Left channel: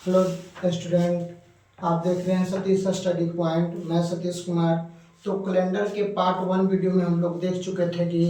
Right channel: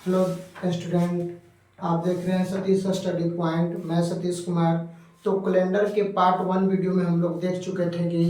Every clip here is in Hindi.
हेलो स्टूडेंट, आप देख रहे हैं सतीश स्टडी पॉइंट। मैं सतीश कुमार। तो कैलेंडर के पार्ट 1 वीडियो में हम लोग देख चुके थे कि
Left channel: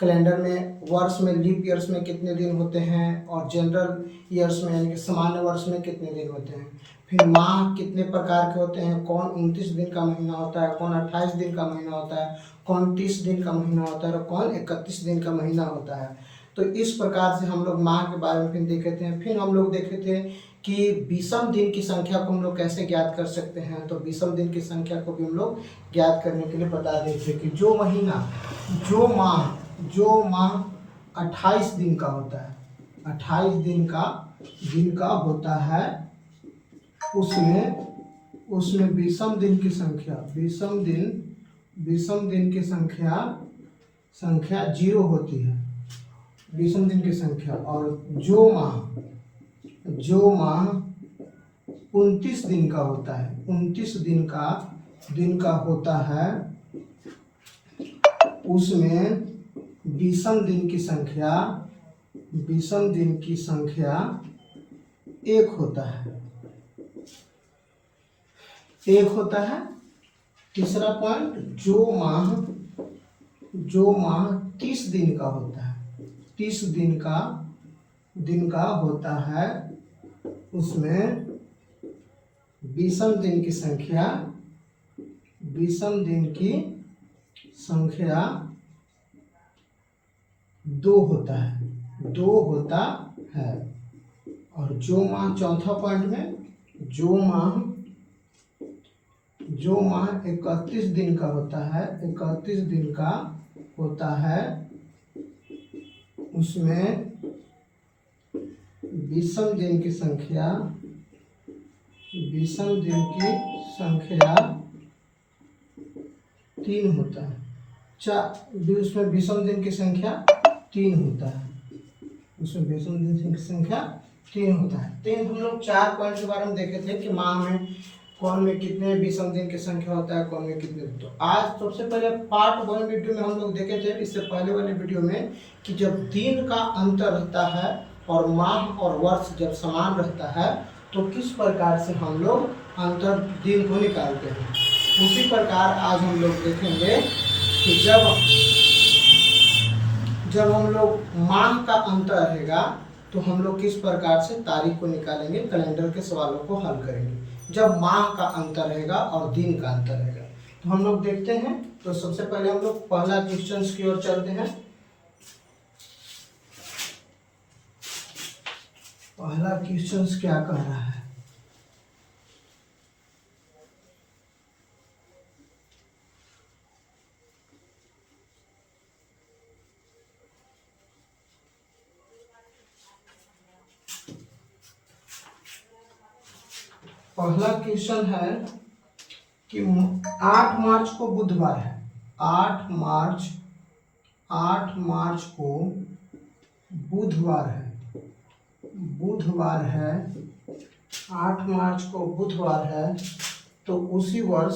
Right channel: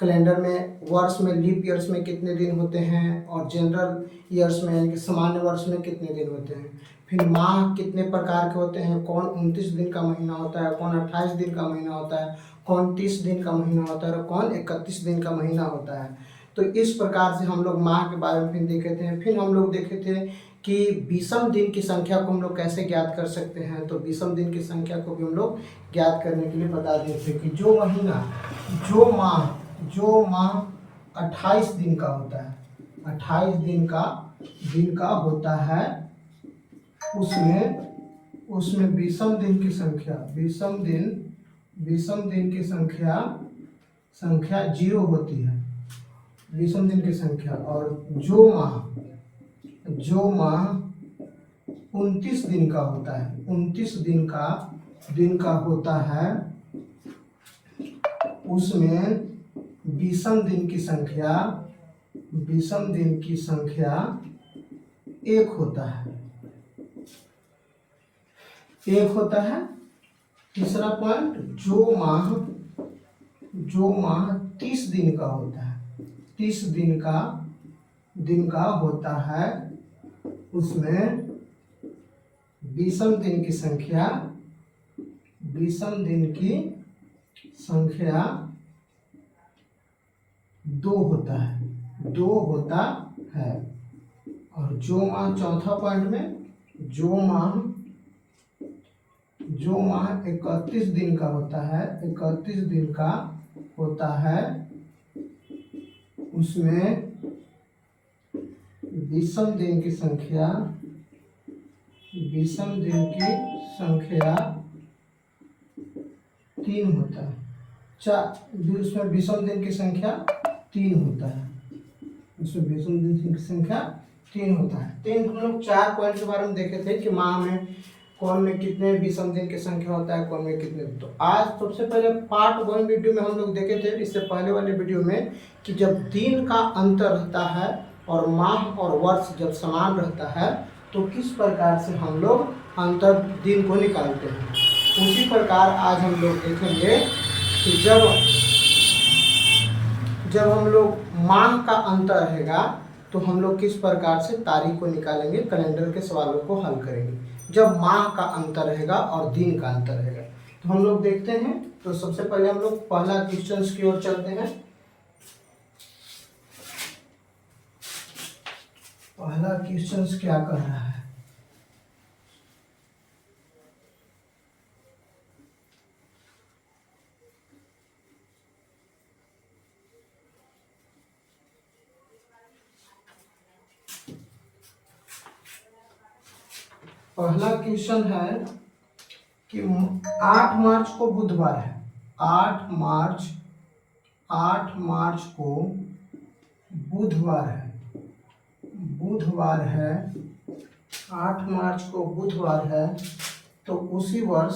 कैलेंडर में वर्ष में लीप ईयर्स में कितने दिन होते हैं और जनरल ईयर्स में यानी कि सामान्य वर्ष में कितने दिन होते हैं। फिर माह कितने प्रकार के होते हैं, कौन 29 दिन का महीना होता है, कौन 28 दिन का महीना होता है, कौन 30 दिन का महीना होता है और कौन 31 दिन का महीना होता है। तो इस प्रकार से हम लोग माह के बारे में फिर देखे थे। फिर हम लोग देखे थे कि विषम दिन की संख्या को हम लोग कैसे ज्ञात कर सकते हैं। तो विषम दिन की संख्या को भी हम लोग ज्ञात करने के लिए बता देते कि जो महीना जो माह 28 दिन का होता है, 28 दिन का होता है, उसमें विषम दिन की संख्या संख्या 0 होती है, विषम दिन की संख्या। और जो माह 29 दिन का होता है, 29 दिन का होता है, उसमें विषम दिन की संख्या 1 होता है। तीसरा पॉइंट, जो माह 30 दिन का होता है, 30 दिन का होता है, उसमें विषम दिन की संख्या 2 होता है। और जो माह, चौथा पॉइंट में, जो माह 31 दिन का होता है, उसमें विषम दिन की संख्या 3 होता है। उसमें विषम दिन की संख्या 3 होता है, तो हम लोग 4 पॉइंट के बारे में देखे थे कि माह में कौन में कितने विषम दिन की संख्या होता है, कौन में कितने। तो आज सबसे पहले पार्ट 1 वीडियो में हम लोग देखे थे, इससे पहले वाले वीडियो में, कि जब दिन का अंतर रहता है और माह और वर्ष जब समान रहता है तो किस प्रकार से हम लोग अंतर दिन को निकालते हैं। उसी प्रकार आज हम लोग देखेंगे कि जब हम लोग माह का अंतर रहेगा तो हम लोग किस प्रकार से तारीख को निकालेंगे, कैलेंडर के सवालों को हल करेंगे जब माह का अंतर रहेगा और दिन का अंतर रहेगा। तो हम लोग देखते हैं। तो सबसे पहले हम लोग पहला क्वेश्चन की ओर चलते हैं। पहला क्वेश्चन क्या कह रहा है? पहला क्वेश्चन है कि 8 मार्च को बुधवार है। 8 मार्च को बुधवार है। 8 मार्च को बुधवार है। तो उसी वर्ष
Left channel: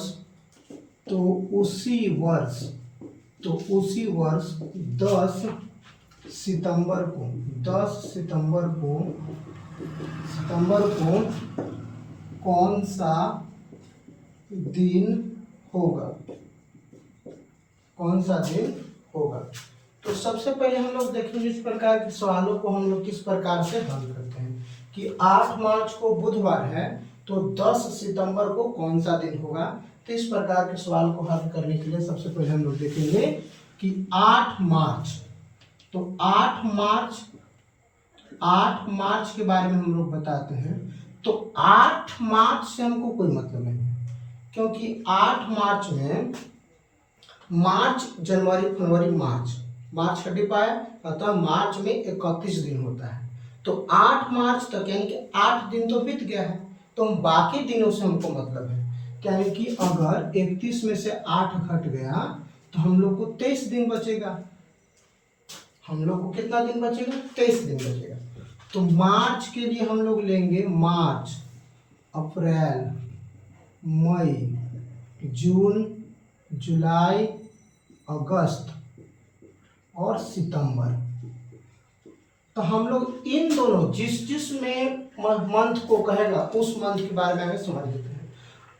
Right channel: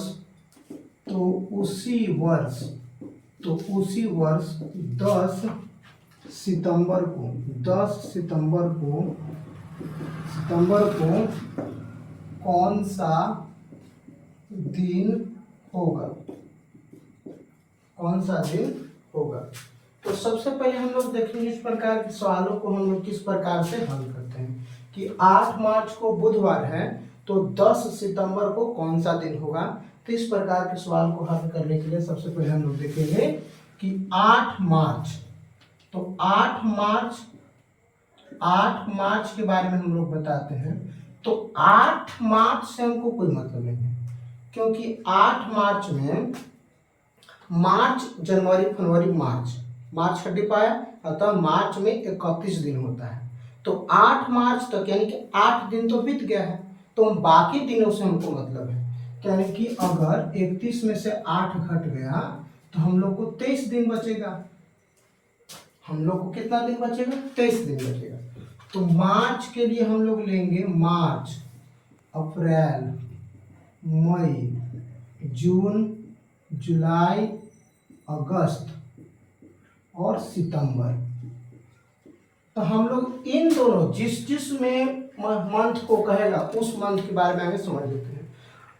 10 सितंबर को कौन सा दिन होगा? तो सबसे पहले हम लोग देखेंगे इस प्रकार के सवालों को हम लोग किस प्रकार से हल करते हैं कि 8 मार्च को बुधवार है तो 10 सितंबर को कौन सा दिन होगा। तो इस प्रकार के सवाल को हल करने के लिए सबसे पहले हम लोग देखेंगे कि 8 मार्च, तो 8 मार्च के बारे में हम लोग बताते हैं। तो 8 मार्च से हमको कोई मतलब नहीं है, क्योंकि 8 मार्च में जनवरी फरवरी मार्च हटी पाया, अतः मार्च में 31 दिन होता है। तो 8 मार्च तक यानी कि 8 दिन तो बीत गया है, तो बाकी दिनों से हमको मतलब है। यानी कि अगर 31 में से 8 घट गया तो हम लोग को 23 दिन बचेगा। हम लोग को कितना दिन बचेगा? 23 दिन बचेगा। तो मार्च के लिए हम लोग लेंगे मार्च, अप्रैल, मई, जून, जुलाई, अगस्त और सितंबर। तो हम लोग इन दोनों जिस जिस में मंथ को कहेगा उस मंथ के बारे में आगे समझ लेते हैं।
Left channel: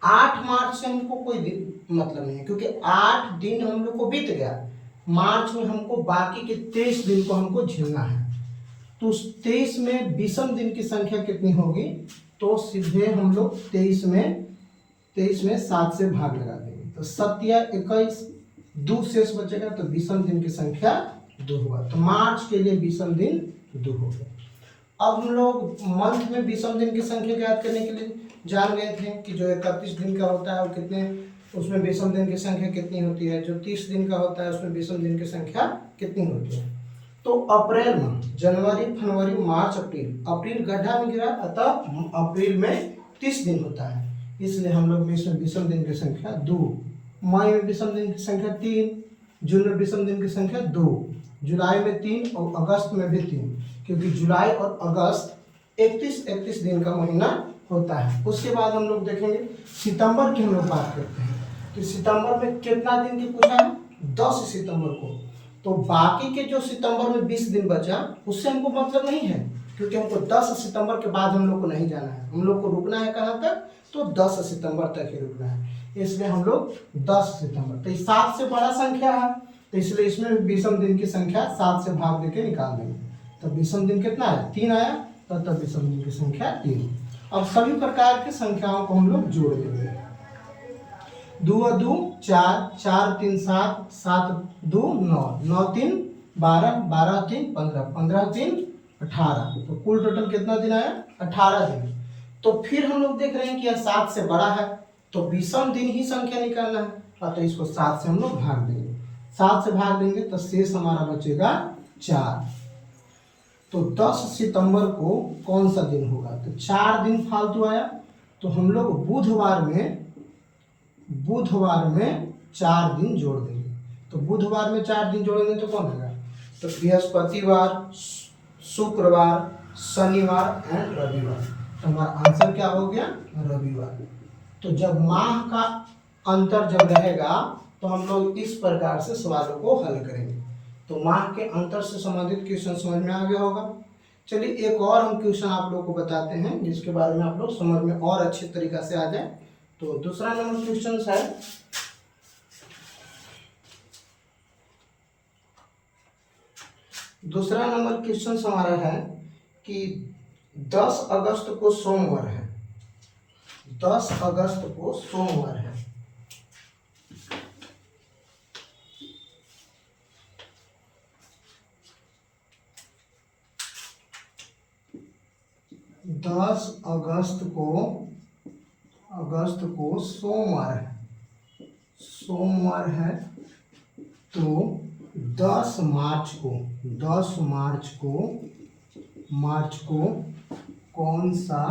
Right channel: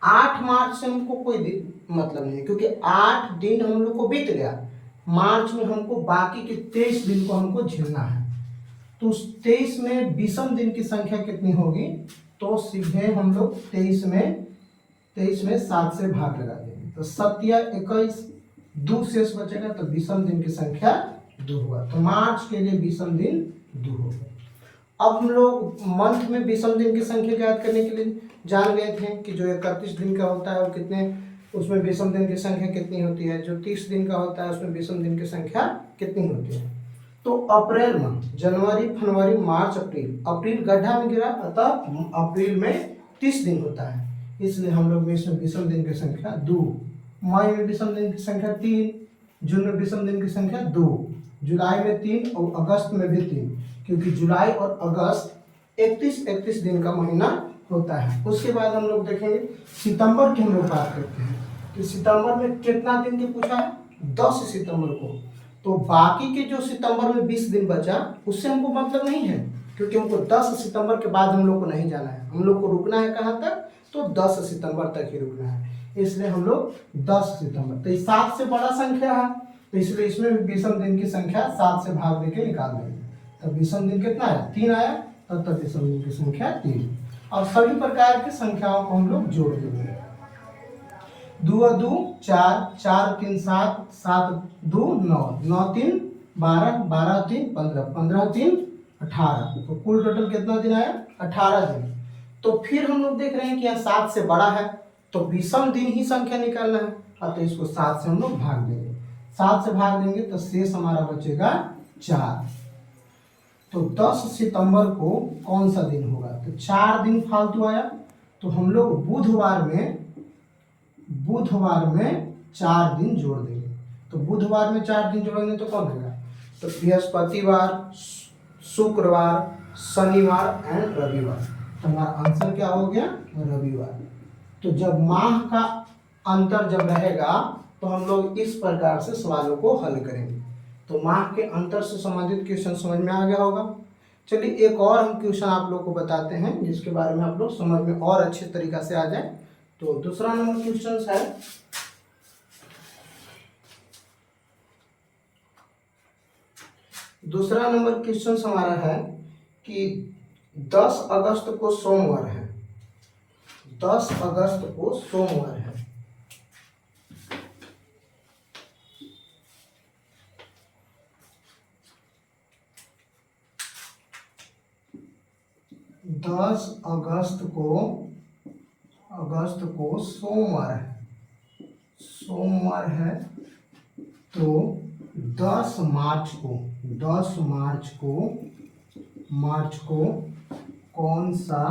8 मार्च से हमको कोई मतलब नहीं है, क्योंकि 8 दिन हम लोग को बीत गया। मार्च में हमको बाकी के 23 दिन को हमको झेलना है। तो उस 23 में विषम दिन की संख्या कितनी होगी, तो सीधे हम लोग 23 में 7 से भाग लगा देंगे, तो 7 या 21, 2 शेष बचेगा, तो विषम दिन की संख्या 2 होगा। तो मार्च के लिए विषम दिन 2 हो गया। अब हम लोग मंथ में विषम दिन की संख्या ज्ञात करने के लिए जान गए थे कि जो 31 दिन का होता है वो कितने, उसमें विषम दिन की संख्या कितनी होती है, जो 30 दिन का होता है उसमें विषम दिन की संख्या कितनी होती है। तो अप्रैल में जनवरी फरवरी मार्च अप्रैल, अप्रैल गड्ढा में गिरा, अतः अप्रैल में 30 दिन होता है, इसलिए हम लोग में इसमें विषम दिन की संख्या 2। मई में विषम दिन की संख्या 3, जून में विषम दिन की संख्या 2, जुलाई में 3 और अगस्त में भी 3, क्योंकि जुलाई और अगस्त 31 दिन का महीना होता है। उसके बाद हम लोग देखेंगे सितंबर की हम लोग बात करते हैं कि सितंबर में कितना दिन की पूछा है, 10 सितंबर को। तो बाकी के जो सितंबर में 20 दिन बचा उससे हमको मतलब नहीं है, क्योंकि हमको 10 सितंबर के बाद हम लोग को नहीं जाना है, हम लोग को रुकना है कहाँ तक, तो 10 सितंबर तक ही रुकना है, इसलिए हम लोग 10 सितंबर। तो 7 से बड़ा संख्या है, तो इसलिए इसमें विषम दिन की संख्या 7 से भाग देके निकाल देंगे। तो विषम दिन कितना है, 3 आया, तब विषम दिन की संख्या 3। अब सभी प्रकार की संख्याओं को हम लोग जोड़ देंगे। 2 और 2 4, 4 3 7, 7 2 9, 9 3 12, 12 3 15, 15 3 18, तो कुल टोटल कितना दिन आया, 18 दिन। तो फिर हम लोग देख रहे हैं कि यह 7 से बड़ा है, तो विषम दिन ही संख्या निकालना है, तो इसको 7 से हम लोग भाग देंगे। 7 से भाग देंगे तो शेष हमारा बचेगा 4। तो 10 सितंबर को कौन सा दिन होगा, तो 4 दिन फालतू आया, तो हम लोग बुधवार में 4 दिन जोड़ देंगे। तो बुधवार में 4 दिन जोड़ेंगे तो कौन होगा, तो बृहस्पतिवार, शुक्रवार, शनिवार एंड रविवार। तो हमारा आंसर क्या हो गया, रविवार। तो जब माह का अंतर जब रहेगा तो हम लोग इस प्रकार से सवालों को हल करेंगे। तो माह के अंतर से संबंधित क्वेश्चन समझ में आ गया होगा। चलिए एक और हम क्वेश्चन आप लोगों को बताते हैं जिसके बारे में आप लोग समझ में और अच्छे तरीका से आ जाए। तो दूसरा नंबर क्वेश्चन है, दूसरा नंबर क्वेश्चन हमारा है कि 10 अगस्त को सोमवार है, 10 अगस्त को सोमवार है, अगस्त को सोमवार है, तो 10 मार्च को कौन सा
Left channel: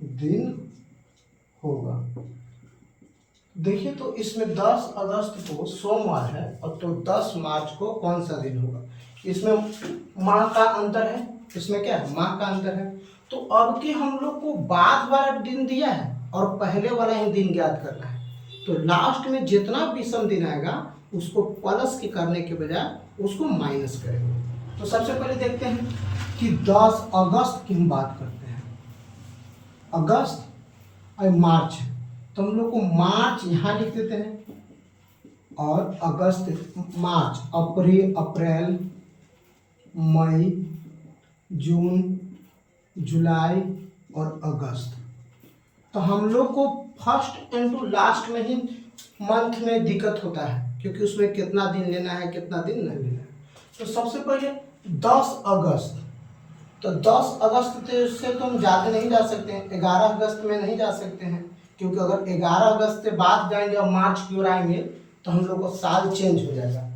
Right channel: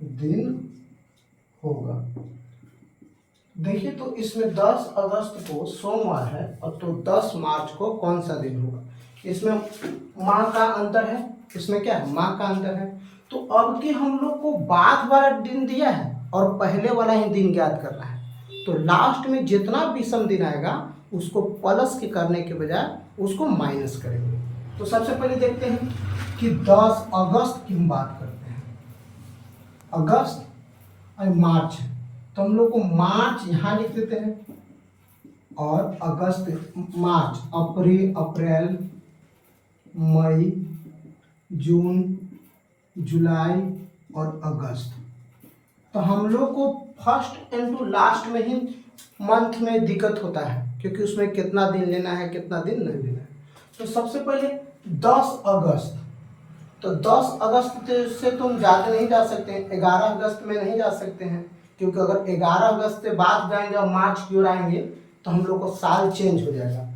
दिन होगा। देखिए तो इसमें 10 अगस्त को सोमवार है और तो 10 मार्च को कौन सा दिन होगा। इसमें माह का अंतर है, इसमें क्या है, माह का अंतर है। तो अब के हम लोग को बाद वाला दिन दिया है और पहले वाला ही दिन ज्ञात करना है। तो लास्ट में जितना विषम दिन आएगा उसको प्लस के करने के बजाय उसको माइनस करेंगे। तो सबसे पहले देखते हैं कि 10 अगस्त की हम बात करते हैं। अगस्त और मार्च है, तो हम लोग को मार्च यहाँ लिख देते हैं और अगस्त, मार्च, अप्रैल, मई, जून, जुलाई और अगस्त। तो हम लोग को फर्स्ट एंड टू लास्ट में ही मंथ में दिक्कत होता है, क्योंकि उसमें कितना दिन लेना है कितना दिन नहीं लेना है। तो सबसे पहले 10 अगस्त, तो 10 अगस्त से तो हम ज़्यादा नहीं जा सकते हैं, 11 अगस्त में नहीं जा सकते हैं, क्योंकि अगर 11 अगस्त से बाद जाएंगे और मार्च की ओर आएंगे तो हम लोग को साल चेंज हो जाएगा,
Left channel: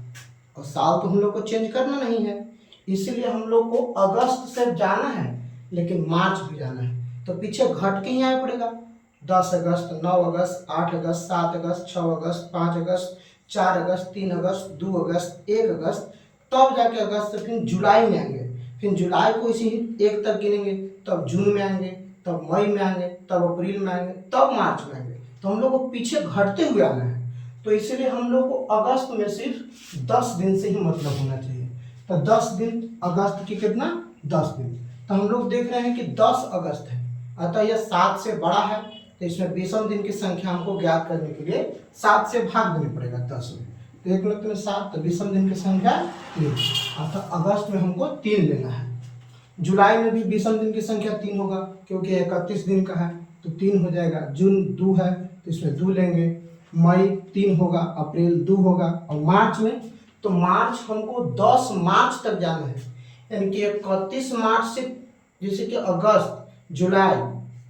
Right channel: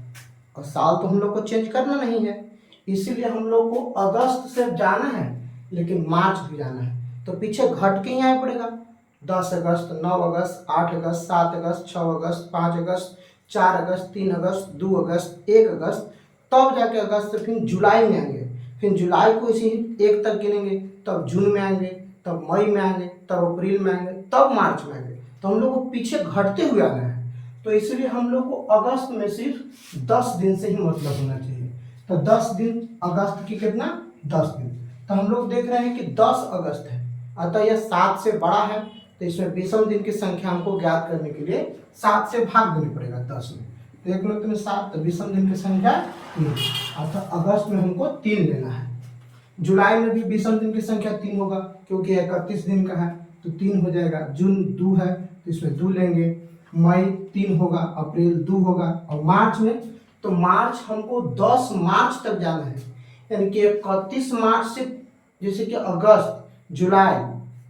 और साल तो हम लोग को चेंज करना नहीं है, इसीलिए हम लोग को अगस्त से जाना है लेकिन मार्च भी जाना है। तो पीछे घट के ही आना पड़ेगा, 10 अगस्त, 9 अगस्त, 8 अगस्त, 7 अगस्त, 6 अगस्त, 5 अगस्त, 4 अगस्त, 3 अगस्त, 2 अगस्त, 1 अगस्त, तब जाके अगस्त से फिर जुलाई में आएंगे, फिर जुलाई को इसी 1 तक गिनेंगे, तब जून में आएंगे, तब मई में आएंगे, तब अप्रैल में आएंगे, तब मार्च में आएंगे। तो हम लोग को पीछे घटते हुए आना है, तो इसीलिए हम लोग को अगस्त में सिर्फ 10 दिन से ही मतलब होना चाहिए। तो 10 दिन अगस्त की कितना 10 दिन। तो हम लोग देख रहे हैं कि 10 अगस्त है, अतः यह 7 से बड़ा है, तो इसमें विषम दिन की संख्या हमको ज्ञात करने के लिए 7 से भाग देनी पड़ेगा 10 में। तो एक मिनट में 7, तो विषम दिन की संख्या 3, अतः अगस्त में हमको 3 लेना है। जुलाई में भी विषम दिन की संख्या 3 होगा, क्योंकि 31 दिन का है तो 3 हो जाएगा। जून 2 है तो इसमें 2 लेंगे। मई 3 होगा, अप्रैल 2 होगा, और मार्च में, तो मार्च हमको 10 मार्च तक जाना है, यानी कि 31 मार्च से, जैसे कि अगस्त, जुलाई,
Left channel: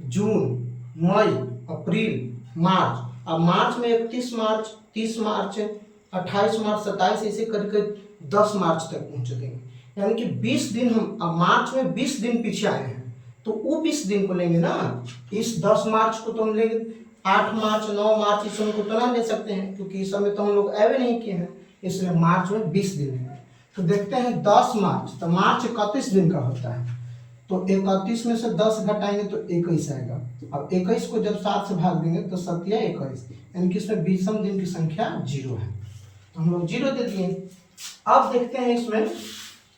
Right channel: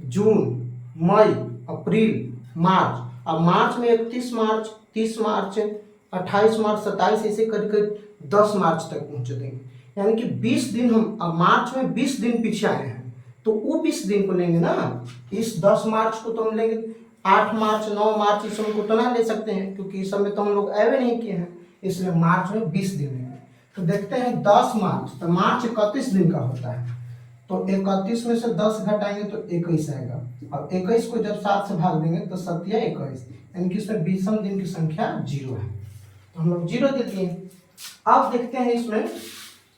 जून, मई, अप्रैल, मार्च। अब मार्च में 31 मार्च, 30 मार्च, 28 मार्च, 27, ऐसे करके 10 मार्च तक पहुँच देंगे, यानी कि 20 दिन हम, अब मार्च में 20 दिन पीछे आए हैं तो वो 20 दिन को लेंगे ना। इस 10 मार्च को तो हम लेंगे, 8 मार्च, 9 मार्च, इस समय को तो ना ले सकते हैं, क्योंकि इस समय तो हम लोग ऐवे नहीं किए हैं, इसलिए मार्च में 20 दिन लेंगे। तो देखते हैं 10 मार्च, तो मार्च 31 दिन का होता है, तो 31 में से 10 घटाएंगे तो 21 आएगा। अब 21 को जब 7 से भाग देंगे तो 7 या 21, यानी कि इसमें विषम दिन की संख्या 0 है, तो हम लोग 0 दे दिए। अब देखते हैं इसमें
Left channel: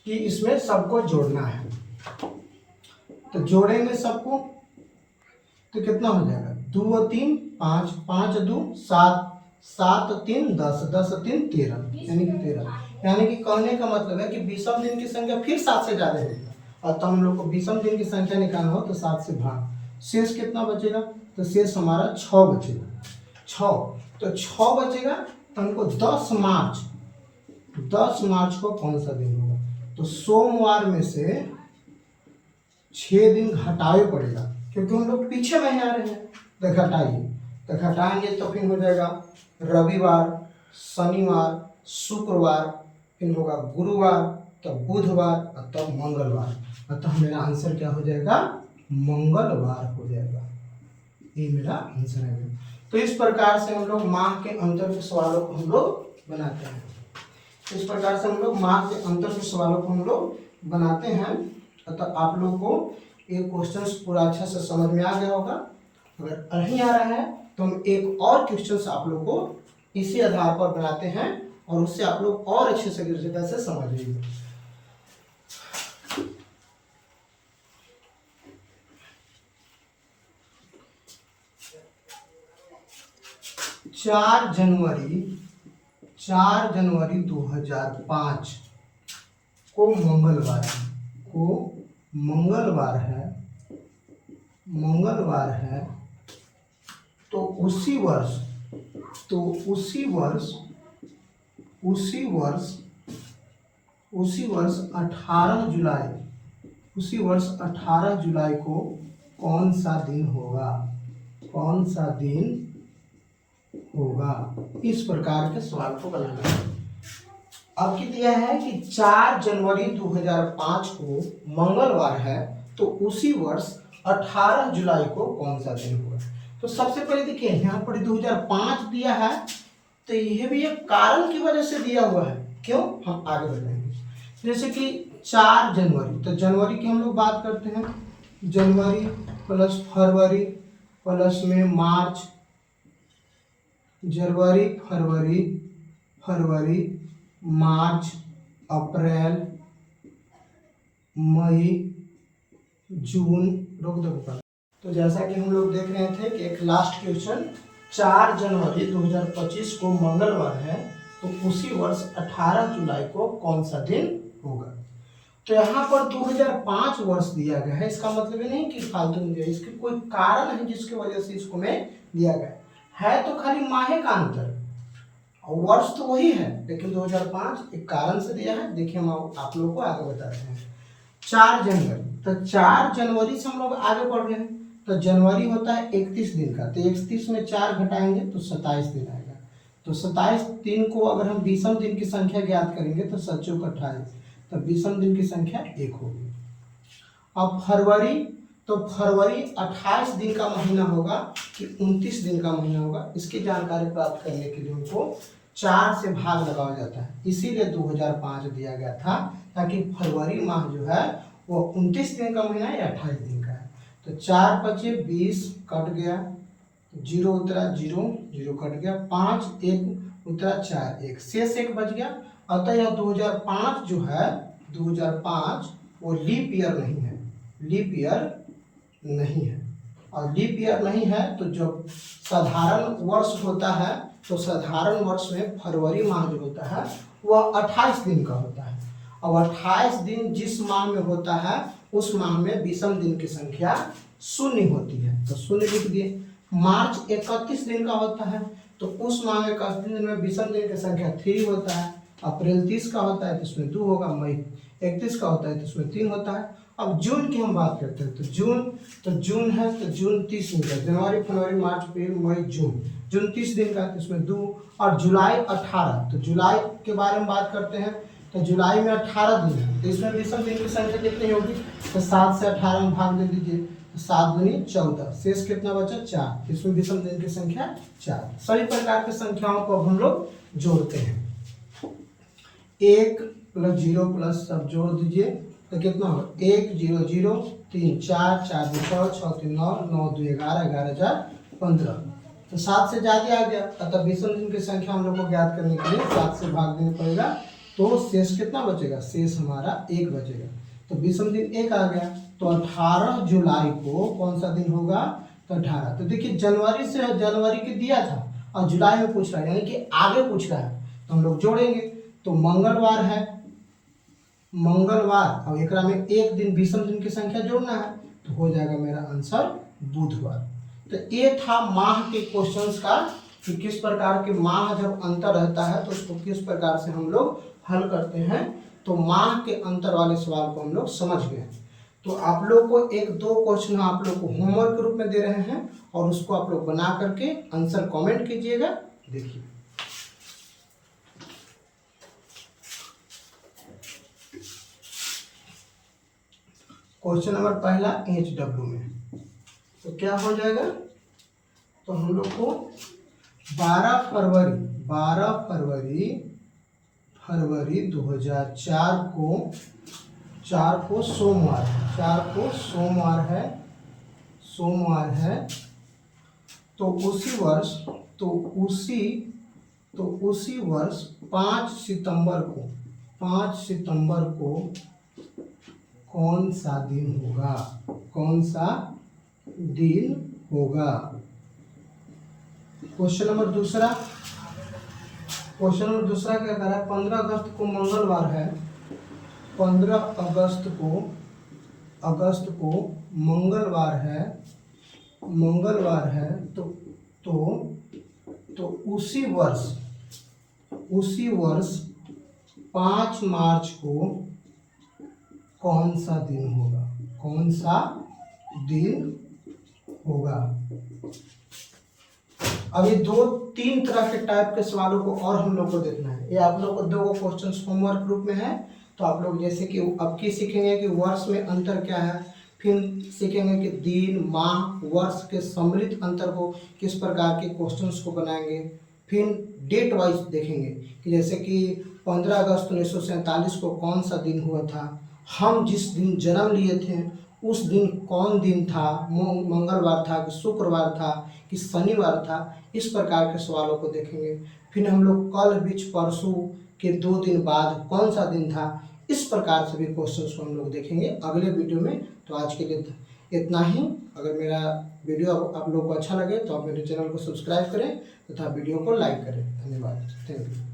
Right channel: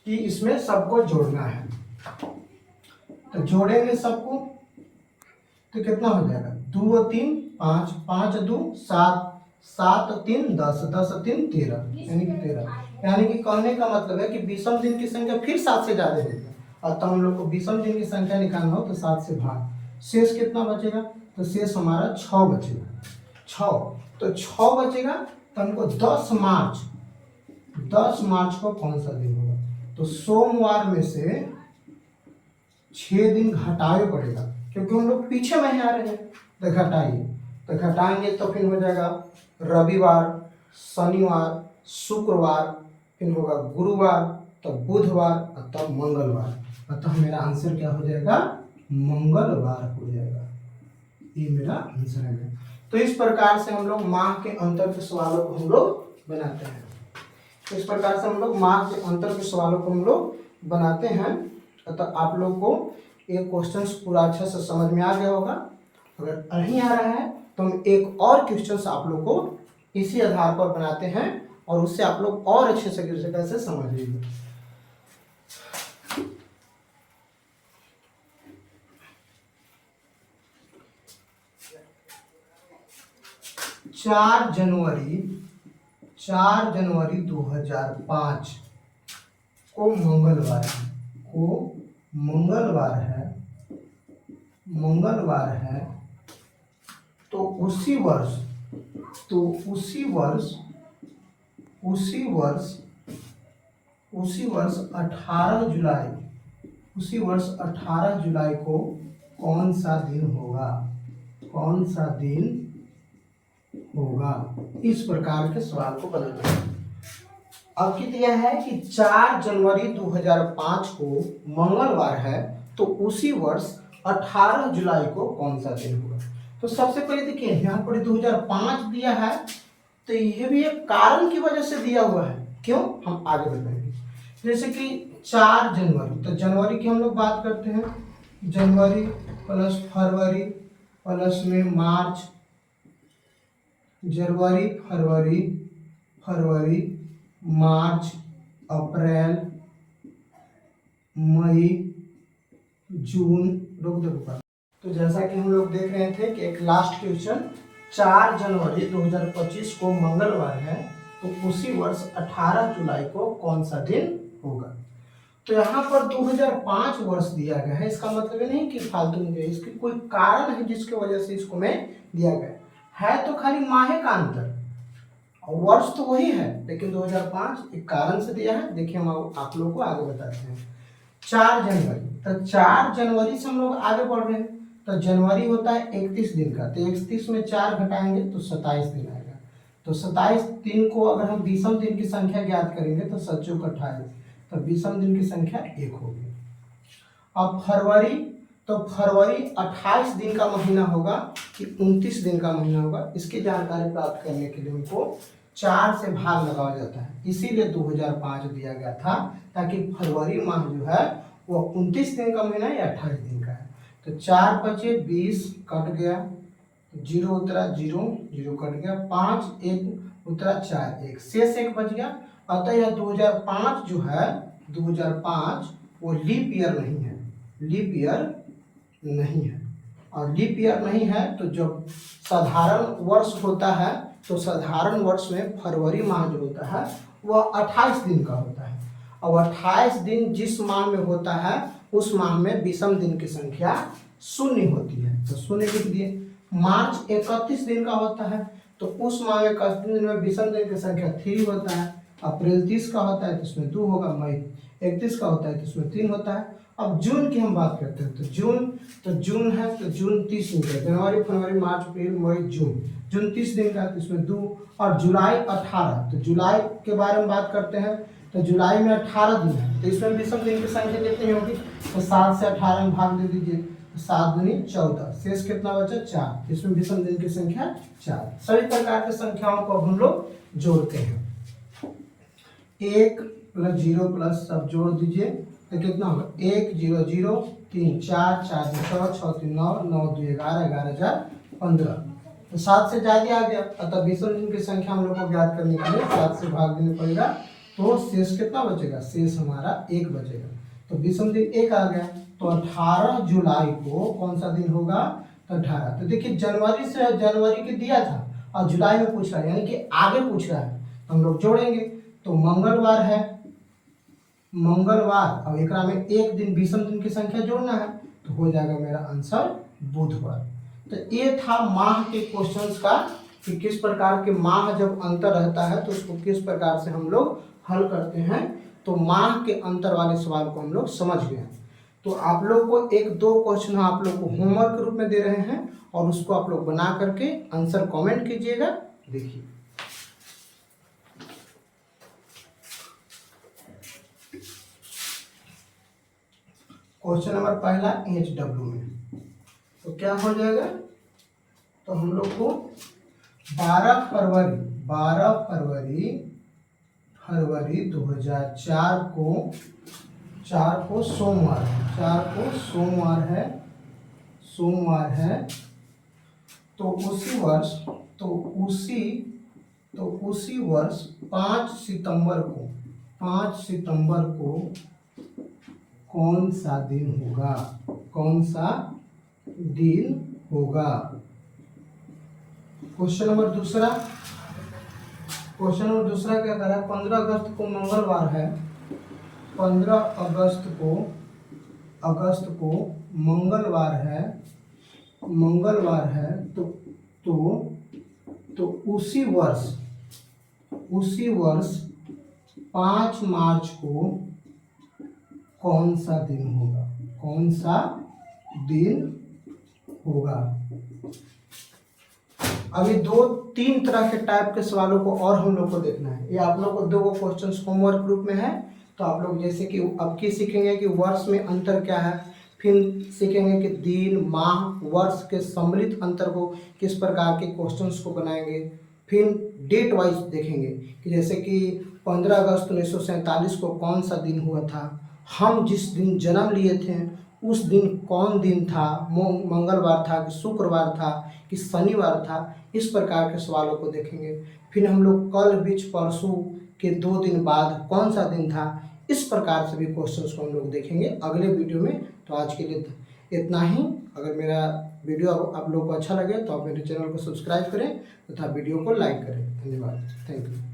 कि इसमें सबको जोड़ना है, तो जोड़ेंगे सबको तो कितना हो जाएगा, 2 और 3 5, 5 2 7, 7 और 3 10, 10 और 3 13, यानी कि 13। यानी कि कहने का मतलब है कि विषम दिन की संख्या फिर 7 से ज्यादा होगी, और तो हम लोग को विषम दिन की संख्या निकालना हो तो 7 से भाग, शेष कितना बचेगा, तो शेष हमारा 6 बचेगा। 6, तो 6 बचेगा, तो हमको 10 मार्च को कौन सा दिन होगा, तो सोमवार में से 6 दिन घटाए पड़ेगा, क्योंकि हम लोग पीछे महीने आ रहे हैं, तो घटाइए, तो घटाएंगे तो फिर हो जाएगा रविवार, शनिवार, शुक्रवार, फिर होगा गुरुवार, तब बुधवार और तब मंगलवार, अतः मेरा आंसर क्या हो जाएगा, मंगलवार हो जाएगा। ये मेरा आंसर है। तो इस प्रकार से हम लोग माह के अंतर के सवालों को हम लोग बनाते हैं। तो इस प्रकार से हम लोग माह के अंतर के सवालों को हम लोग बनाते हैं। अतः आप लोग को ये क्वेश्चंस पूरा अच्छा से समझ में आ गया होगा। अगर नहीं आ रहा है तो हम एक और क्वेश्चंस आप लोग को इसी आधार पर बनाते हैं, और उससे आप लोग और अच्छे से जगह से समझ लीजिए। 4 जनवरी 2005 को मंगलवार है, तो उसी वर्ष 18 जुलाई को कौन सा दिन होगा, इस प्रकार के सवाल को बनाना है। अब कित यह है कि 4 जनवरी 2005 को मंगलवार है, तो उसी वर्ष 18 जुलाई को कौन सा दिन होगा। तो सबसे पहले देखिए यहाँ पर 2005 दिया है, तो यह भी एक कारण की वजह से दिया हुआ है। क्यों, हम आगे बढ़ेंगे। जैसे कि 4 जनवरी, तो जनवरी की हम लोग बात करते हैं, जनवरी प्लस फरवरी प्लस में मार्च, जनवरी फरवरी मार्च, अप्रैल, मई, जून, रोक दो। तो जैसा कि हम लोग देख रहे थे कि एक लास्ट क्वेश्चन, 4 जनवरी 2025 को मंगलवार है, तो उसी वर्ष 18 जुलाई को कौन सा दिन होगा। तो यहाँ पर 2005 वर्ष दिया गया है, इसका मतलब ये नहीं कि फालतू में दिया, इसके कोई कारण है जिसकी वजह से इसको में दिया गया है। तो खाली माहे का अंतर, और वर्ष तो वही है, लेकिन 2005 एक कारण से दिया है। देखिए हम आप लोगों को आगे बताते हैं। 4 जनवरी, तो 4 जनवरी से हम लोग आगे बढ़ रहे हैं, तो जनवरी होता है 31 दिन का, तो 31 में 4 घटाएंगे तो 27 दिन आएगा। तो 27 दिन को अगर हम विषम दिन की संख्या ज्ञात करेंगे तो 7 चौक 28, तो विषम दिन की संख्या 1 होगी। अब फरवरी, तो फरवरी 28 दिन का महीना होगा कि 29 दिन का महीना होगा, इसकी जानकारी प्राप्त करने के लिए हमको 4 से भाग लगाया जाता है, इसीलिए 2005 दिया गया था, ताकि फरवरी माह जो है वो 29 दिन का महीना या 28 दिन का है। तो 4 बचे 20, कट गया, 0 उतरा, 0 0 कट गया, 5 1 उतरा, 4 1, शेष 1 बच गया। अतः यह 2005 जो है 2005 वो लीप ईयर नहीं है, लीप ईयर नहीं है। और लीप ईयर नहीं है तो जब साधारण वर्ष होता है तो साधारण वर्ष में फरवरी माह जो होता है वह 28 दिन का होता है। और 28 दिन जिस माह में होता है उस माह में विषम दिन की संख्या शून्य होती है, तो शून्य लिख दिए। मार्च 31 दिन का होता है तो उस माह में 31 दिन में विषम दिन की संख्या 3 होता है। अप्रैल 30 का होता है तो उसमें 2 होगा। मई 31 का होता है तो उसमें 3 होता है। अब जून की हम बात करते हैं तो जून है तो जून 30 दिन का, जनवरी फरवरी मार्च अप्रैल मई जून 30 दिन का तो इसमें 2। और जुलाई 18, तो जुलाई के बारे में बात करते हैं तो जुलाई में 18 दिन है तो इसमें विषम दिन की संख्या कितनी होगी, तो 7 से 18 में भाग दे दीजिए, 7 दूनी 14, शेष कितना बचा 4, इसमें विषम दिन की संख्या 4। सभी प्रकार की संख्याओं को अब हम लोग जोड़ते हैं। 1 + 0 प्लस सब जोड़ दीजिए तो कितना होगा 1 0 0 3 4 4 2 6 6 3 9 9 2 11 11 4 15, तो 7 से ज़्यादा आ गया। अतः विषम दिन की संख्या हम लोग को ज्ञात करने के लिए 7 से भाग देना पड़ेगा, तो शेष कितना बचेगा, शेष हमारा 1 बचेगा। तो विषम दिन 1 आ गया। तो 18 जुलाई को कौन सा दिन होगा, तो 18। तो देखिए जनवरी के दिया था और जुलाई में पूछ रहा है, यानी कि आगे पूछ रहा है, तो हम लोग जोड़ेंगे। तो मंगलवार है, मंगलवार, अब एक में एक दिन विषम दिन की संख्या जोड़ना है तो हो जाएगा मेरा आंसर बुधवार। तो ये था माह के क्वेश्चंस का कि किस प्रकार के माह जब अंतर रहता है तो उसको किस प्रकार से हम लोग हल करते हैं। तो माह के अंतर वाले सवाल को हम लोग समझ गए। तो आप लोग को 1-2 क्वेश्चन आप लोग को होमवर्क के रूप में दे रहे हैं और उसको आप लोग बना करके आंसर कमेंट कीजिएगा। देखिए क्वेश्चन नंबर पहला HW में तो क्या हो जाएगा, तो हम लोग को 12 फरवरी 2004 को सोमवार है तो उसी वर्ष 5 सितंबर को कौन सा दिन होगा। क्वेश्चन नंबर दूसरा क्या कह रहा है, 15 अगस्त को मंगलवार है, 15 अगस्त को मंगलवार है तो उसी वर्ष 5 मार्च को कौन सा दिन होगा। अभी 2-3 तरह के टाइप के सवालों को और हम लोग को देखना है। ये आप लोग को 2 क्वेश्चन होमवर्क ग्रुप में है, तो आप लोग जैसे कि अब की सीखेंगे कि वर्ष में अंतर क्या है, फिर सीखेंगे कि दिन माह वर्ष के सम्मिलित अंतर को किस प्रकार के क्वेश्चंस को बनाएंगे, फिर डेट वाइज देखेंगे कि जैसे कि 15 अगस्त 1947 को कौन सा दिन हुआ था, हम जिस दिन जन्म लिए थे उस दिन कौन दिन था, मंगलवार था कि शुक्रवार था कि शनिवार था। इस प्रकार के सवालों को देखेंगे। फिर हम लोग कल बीच परसों के 2 दिन बाद कौन सा दिन था, इस प्रकार से भी क्वेश्चंस को हम लोग देखेंगे अगले वीडियो में। तो आज के लिए इतना ही। अगर मेरा वीडियो आप लोग को अच्छा लगे तो आप मेरे चैनल को सब्सक्राइब करें तथा वीडियो को लाइक करें। धन्यवाद, थैंक यू।